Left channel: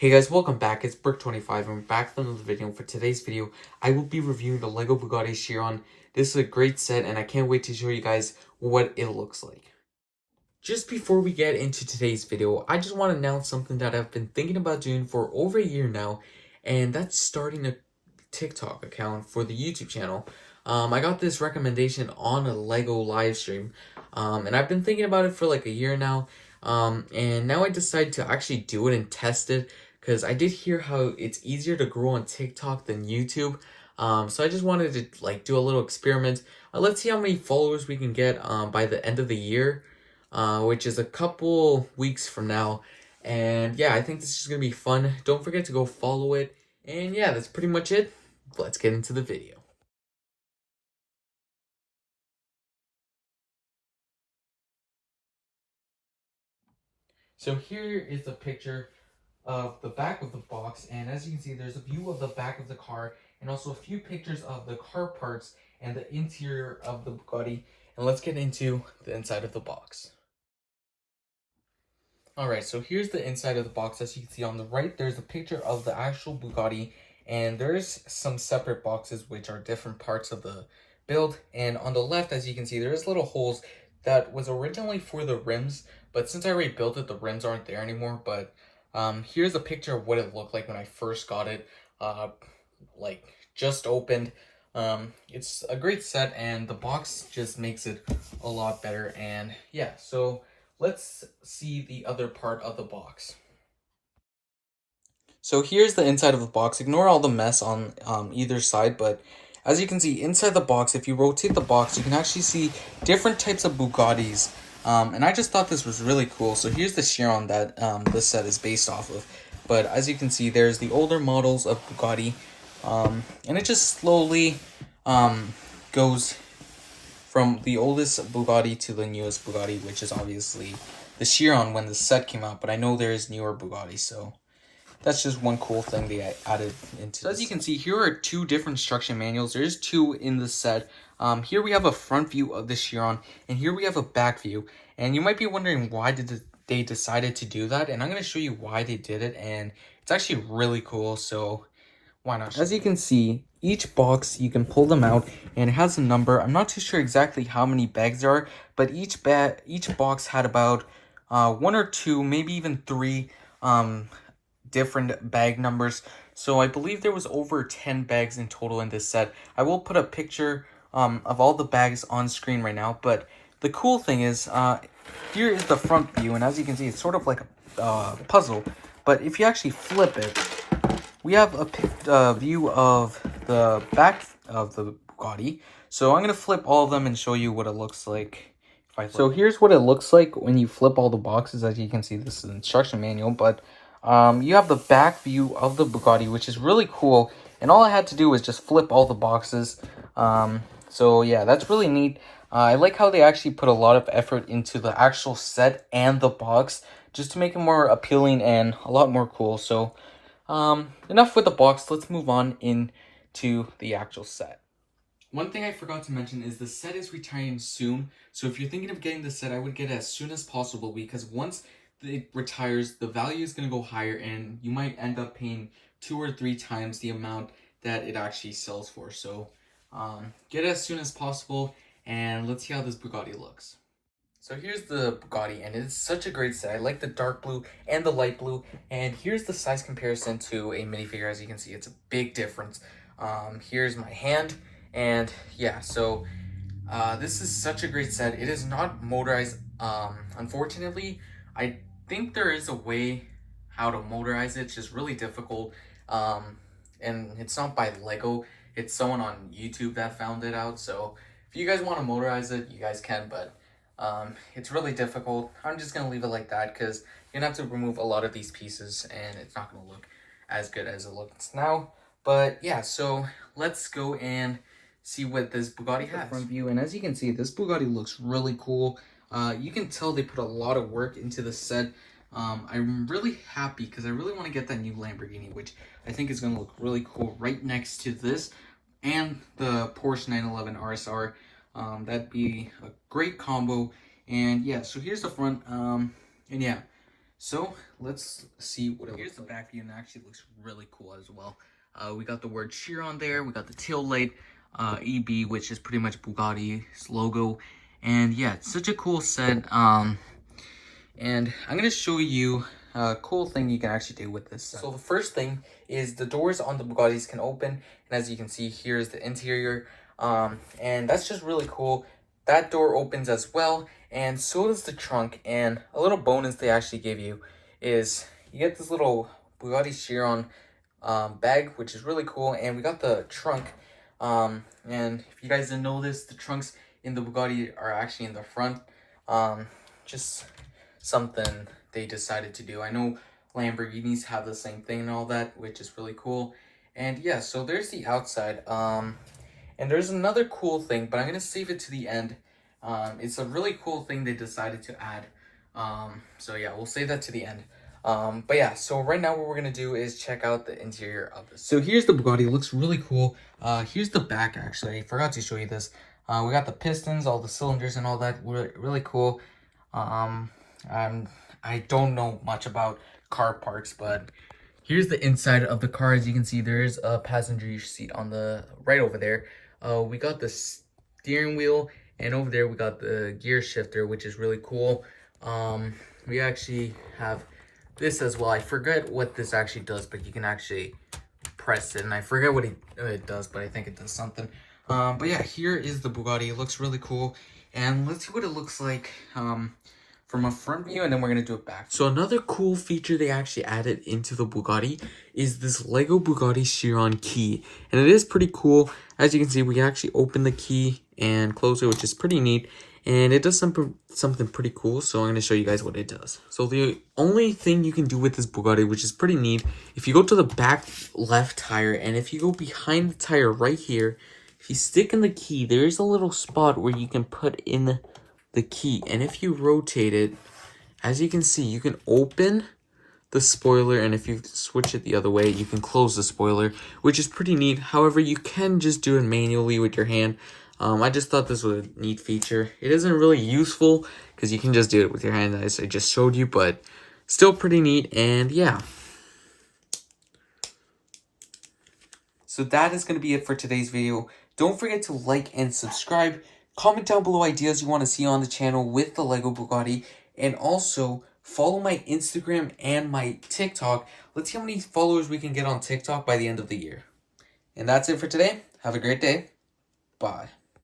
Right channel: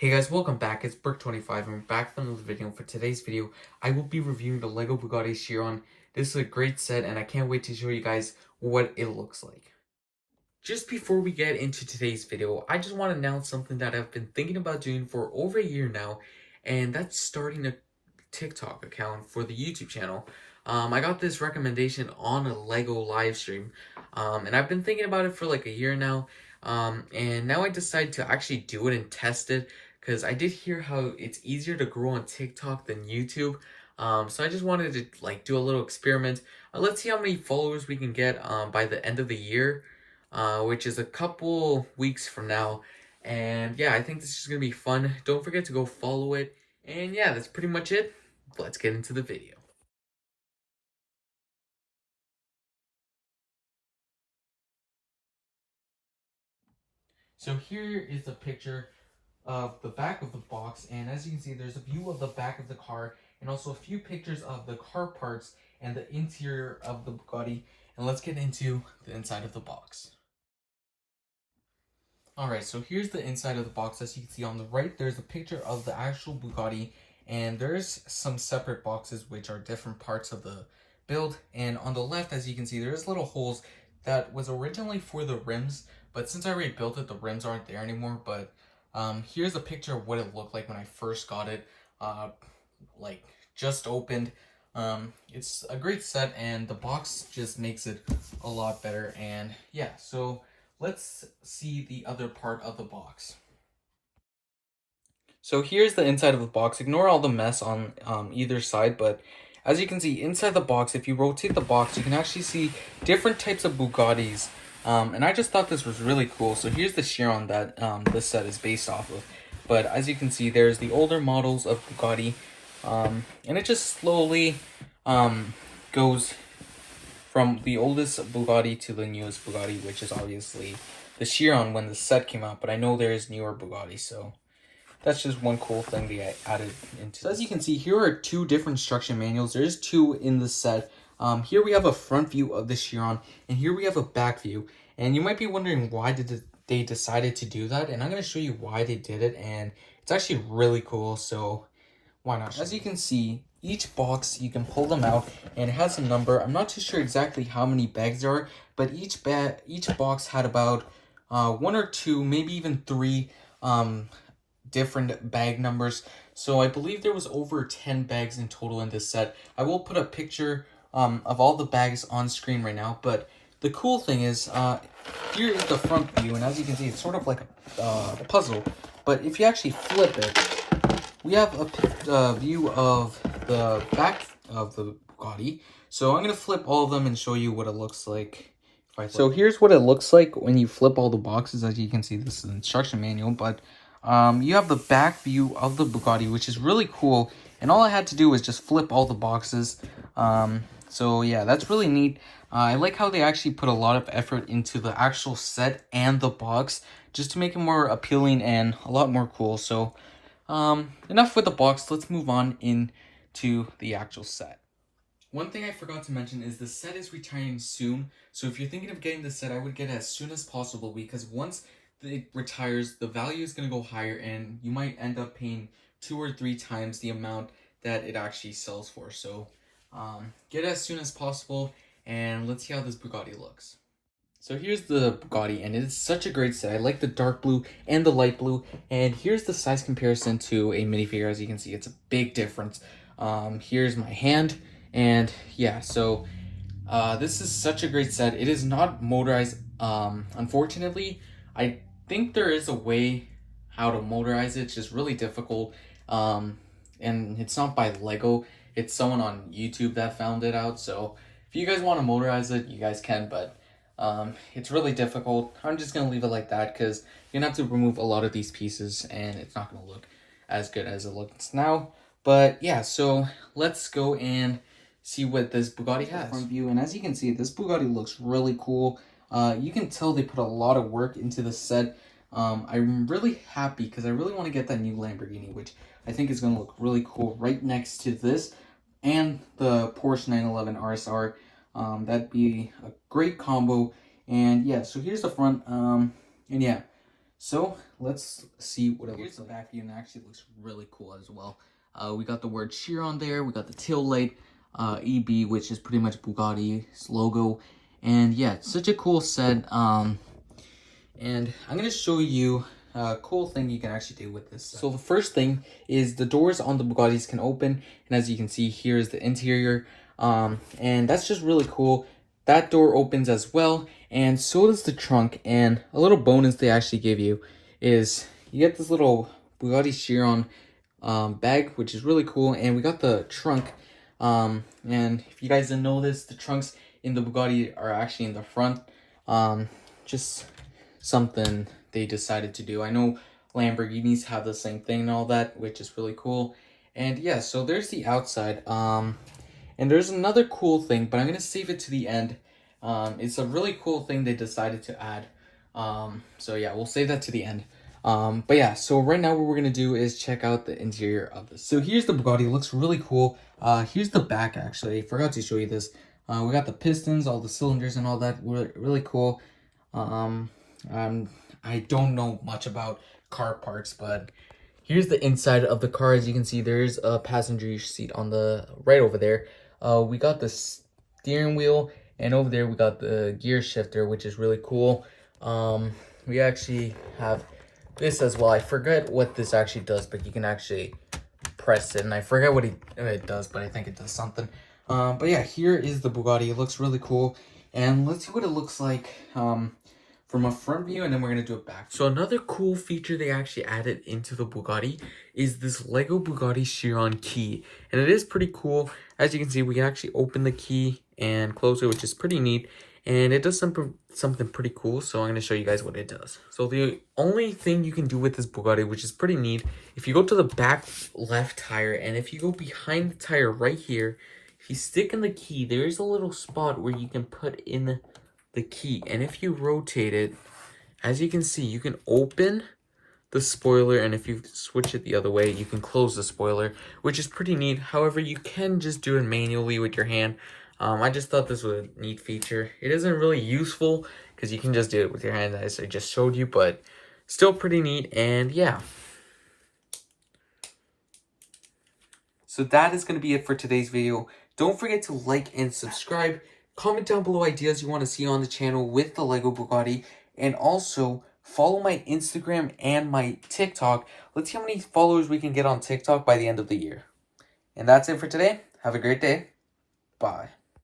Hey guys, welcome back. It's Brick25 and we're back with another video. For today's video, I will be reviewing the LEGO Bugatti Chiron. This is a great set and I can't wait to show you guys what it looks like. Just before we get into today's video, I just want to announce something that I've been thinking about doing for over a year now, and that's starting a TikTok account for the YouTube channel. I got this recommendation on a LEGO live stream, and I've been thinking about it for like a year now, and now I decided to actually do it and test it, because I did hear how it's easier to grow on TikTok than YouTube, so I just wanted to like do a little experiment. Let's see how many followers we can get by the end of the year, which is a couple weeks from now. And yeah, I think this is going to be fun. Don't forget to go follow it. And yeah, that's pretty much it. Let's get into the video. So here is a picture of the back of the box, and as you can see, there's a view of the back of the car and also a few pictures of the car parts and the interior of the Bugatti. And let's get into the inside of the box. Alright, so here's the inside of the box. As you can see on the right, there's a picture of the actual Bugatti, and there's some separate boxes which are different parts of the build. And on the left, as you can see, there's little holes that was originally for the rims, but since I already built it, the rims aren't there anymore. But here's a picture of what it looked like when I first got it, like just opened. It's a great set, and the box just makes it a lot better. And yeah, so let's see the other part of the box. So here's the inside of the box. Ignore all the mess on either side, but as you can see inside the box, if you rotate the box, you can actually see different types of Bugattis. And I just thought this was really cool. So here's the Chiron that this set is based off of. But as you can see, there's the older models of Bugatti. And it just slowly goes from the oldest Bugatti to the newest Bugatti, which is obviously the Chiron when the set came out. But I know there is newer Bugatti, so that's just one cool thing they added into. So as you can see, here are two different instruction manuals. There is two in the set. Here we have a front view of the Chiron, and here we have a back view. And you might be wondering why they decided to do that, and I'm going to show you why they did it, and it's actually really cool, so why not? As you can see, each box, you can pull them out, and it has a number. I'm not too sure exactly how many bags there are, but each box had about one or two, maybe even three different bag numbers. So I believe there was over 10 bags in total in this set. I will put a picture of all the bags on screen right now, but the cool thing is here is the front view, and as you can see, it's sort of like a puzzle, but if you actually flip it, we have a view of the back of the Bugatti. So I'm going to flip all of them and show you what it looks like. So here's what it looks like when you flip all the boxes. As you can see, this is an instruction manual, but you have the back view of the Bugatti, which is really cool. And all I had to do was just flip all the boxes. So yeah, that's really neat. I like how they actually put a lot of effort into the actual set and the box just to make it more appealing and a lot more cool. So enough with the box. Let's move on into the actual set. One thing I forgot to mention is the set is retiring soon. So if you're thinking of getting the set, I would get it as soon as possible, because once it retires, the value is going to go higher and you might end up paying 2 or 3 times the amount that it actually sells for. So get it as soon as possible, and let's see how this Bugatti looks. So here's the Bugatti, and it's such a great set. I like the dark blue and the light blue, and here's the size comparison to a minifigure. As you can see, it's a big difference. Here's my hand, and yeah, so this is such a great set. It is not motorized, unfortunately. I think there is a way how to motorize it. It's just really difficult, and it's not by Lego. It's someone on YouTube that found it out, so if you guys want to motorize it, you guys can, but it's really difficult. I'm just going to leave it like that, because you're going to have to remove a lot of these pieces, and it's not going to look as good as it looks now. But yeah, so let's go and see what this Bugatti has. Front view, and as you can see, this Bugatti looks really cool. You can tell they put a lot of work into the set. I'm really happy because I really want to get that new Lamborghini, which I think is going to look really cool right next to this and the Porsche 911 RSR. That'd be a great combo. And yeah, so here's the front. And yeah, So let's see what it looks like. Here's the back view, and it actually looks really cool as well. We got the word Chiron there. We got the tail light, EB, which is pretty much Bugatti's logo. And yeah, it's such a cool set. And I'm going to show you a cool thing you can actually do with this. So the first thing is the doors on the Bugattis can open. And as you can see, here's the interior. And that's just really cool. That door opens as well. And so does the trunk. And a little bonus they actually give you is you get this little Bugatti Chiron bag, which is really cool. And we got the trunk. And if you guys didn't know this, the trunks in the Bugatti are actually in the front. Just something they decided to do. I know Lamborghinis have the same thing and all that, which is really cool. And yeah, so there's the outside. And there's another cool thing, but I'm gonna save it to the end. It's a really cool thing they decided to add. So yeah, we'll save that to the end. But yeah, so right now what we're gonna do is check out the interior of this. So here's the Bugatti. It looks really cool. Here's the back actually. I forgot to show you this. We got the pistons, all the cylinders and all that. Really cool. I don't know much about car parts, but here's the inside of the car. As you can see, there's a passenger seat on the right over there. We got the steering wheel, and over there we got the gear shifter, which is really cool. We actually have this as well. I forget what this actually does, but you can actually press it, and I forget what it does, but I think it does something. But yeah, here is the Bugatti. It looks really cool, and let's see what it looks like from a front view, and then we're gonna do it back. So another cool feature they actually added into the Bugatti is this Lego Bugatti Chiron key, and it is pretty cool. As you can see, we can actually open the key and close it, which is pretty neat, and it does something pretty cool. So I'm gonna show you guys what it does. So the only thing you can do with this Bugatti, which is pretty neat, if you go to the back left tire, and if you go behind the tire right here, if you stick in the key, there is a little spot where you can put in the key, and if you rotate it, as you can see, you can open the spoiler, and if you switch it the other way, you can close the spoiler, which is pretty neat. However, you can just do it manually with your hand. I just thought this was a neat feature. It isn't really useful because you can just do it with your hand, as I just showed you, but still pretty neat. And yeah, so that is going to be it for today's video. Don't forget to like and subscribe. Comment down below ideas you want to see on the channel with the Lego Bugatti. And also, follow my Instagram and my TikTok. Let's see how many followers we can get on TikTok by the end of the year. And that's it for today. Have a great day. Bye.